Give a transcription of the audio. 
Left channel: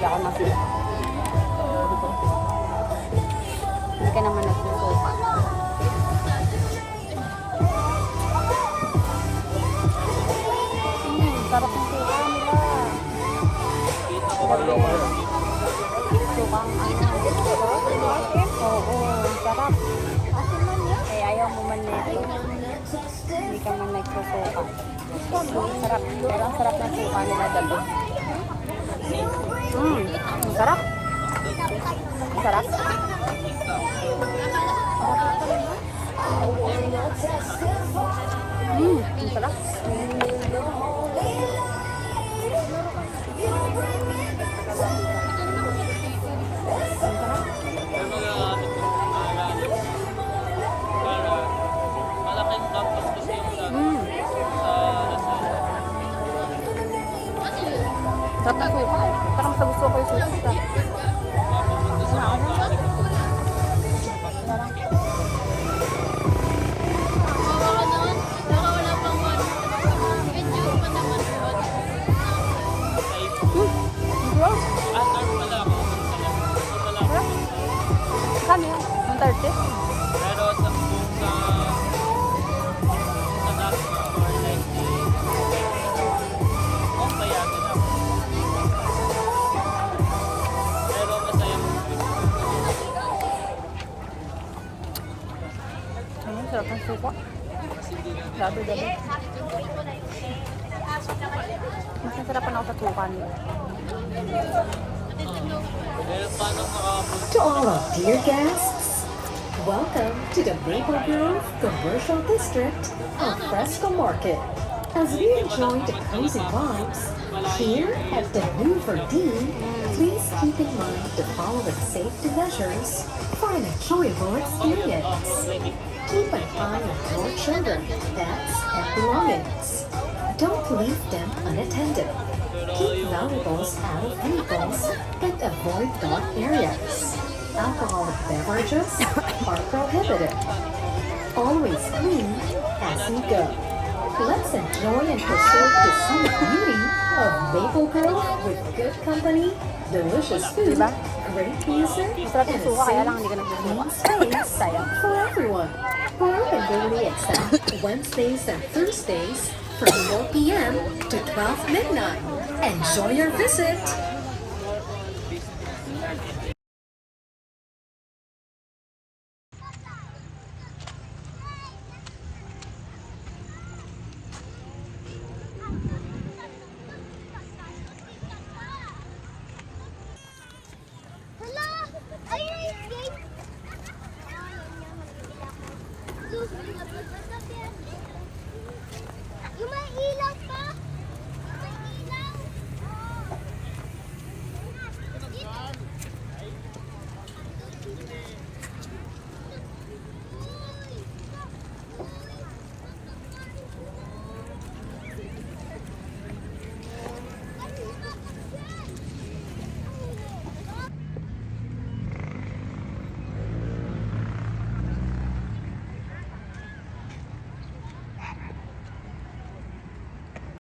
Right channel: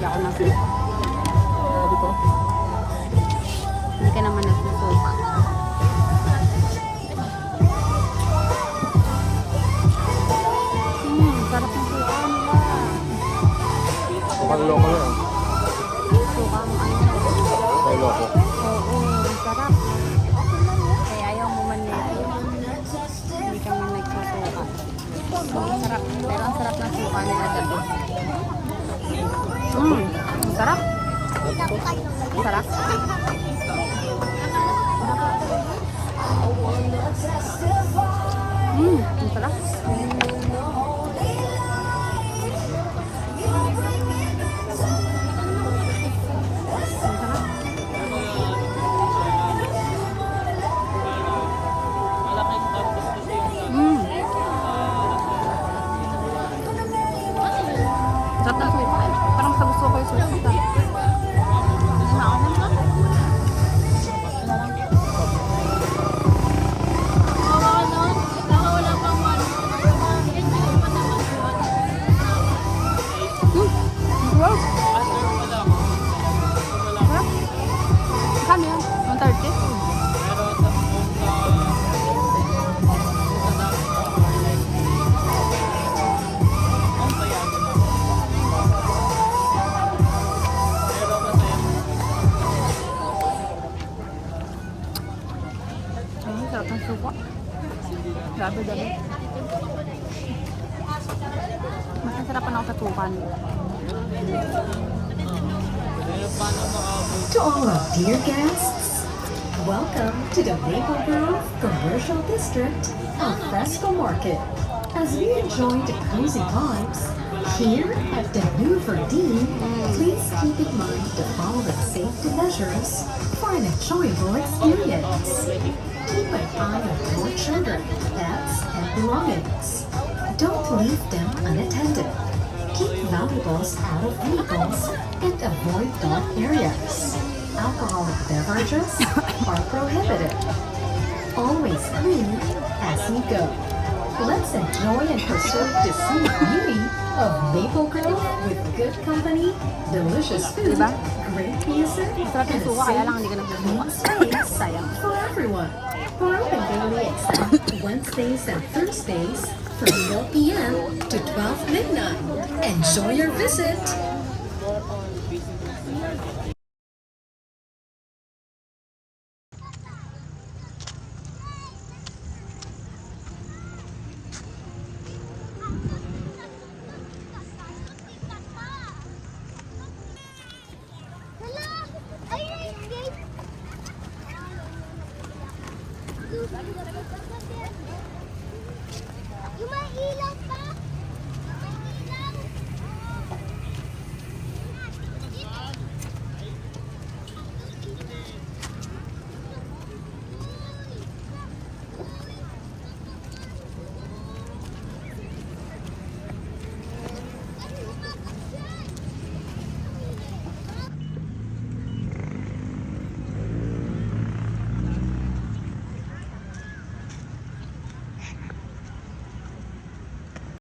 Hindi ako nagsusuka. Sabi ko, hindi ka naman nagsusuka. Sarap ng suka nila. Mukhang loko yan. Sukang ano. Mukhang loko. Oo, sarap. Eh, ayaw mo man nito. Hindi ka man nagsusuka. Sarap. Pero ang sarap ng suka nila dabi. Ang sarap. Ang sarap. Ang sarap. Malaking campus kasi yung Sarap ng suka eh. Parang sa gusto ko yung suka. Gross. pala ako kung talaga. So wala Sarap. Kano yan? 130? Pero sa kung sa dapat na more likely kung payagan ako. Pero masaya mo. Sarap ng suka. Kasi hindi lang Gabi. Mas nasarapan ako sa suka nila. pero paano makapunta? To all our dear guests, welcome to the Maple Grove Commercial District of Fresco Market. As we enjoy the cozy vibes here at the Hoover D, please keep in mind the following safety measures for an enjoyable experience. Keep an eye on your children, pets, and belongings. Don't leave them unattended. Keep valuables out of vehicles and avoid dark areas. Alcoholic beverages are prohibited. Always clean as you go. Let's enjoy and preserve the scenic beauty of Maple Grove with good company, delicious food, Diba? great music, Masarap yung and suka, kaya lang safe hindi ka nagsusuka. space Sayang. for everyone. For open daily except Wednesdays and Thursdays from 4 p.m. to 12 midnight. Enjoy your visit. Yung may ilaw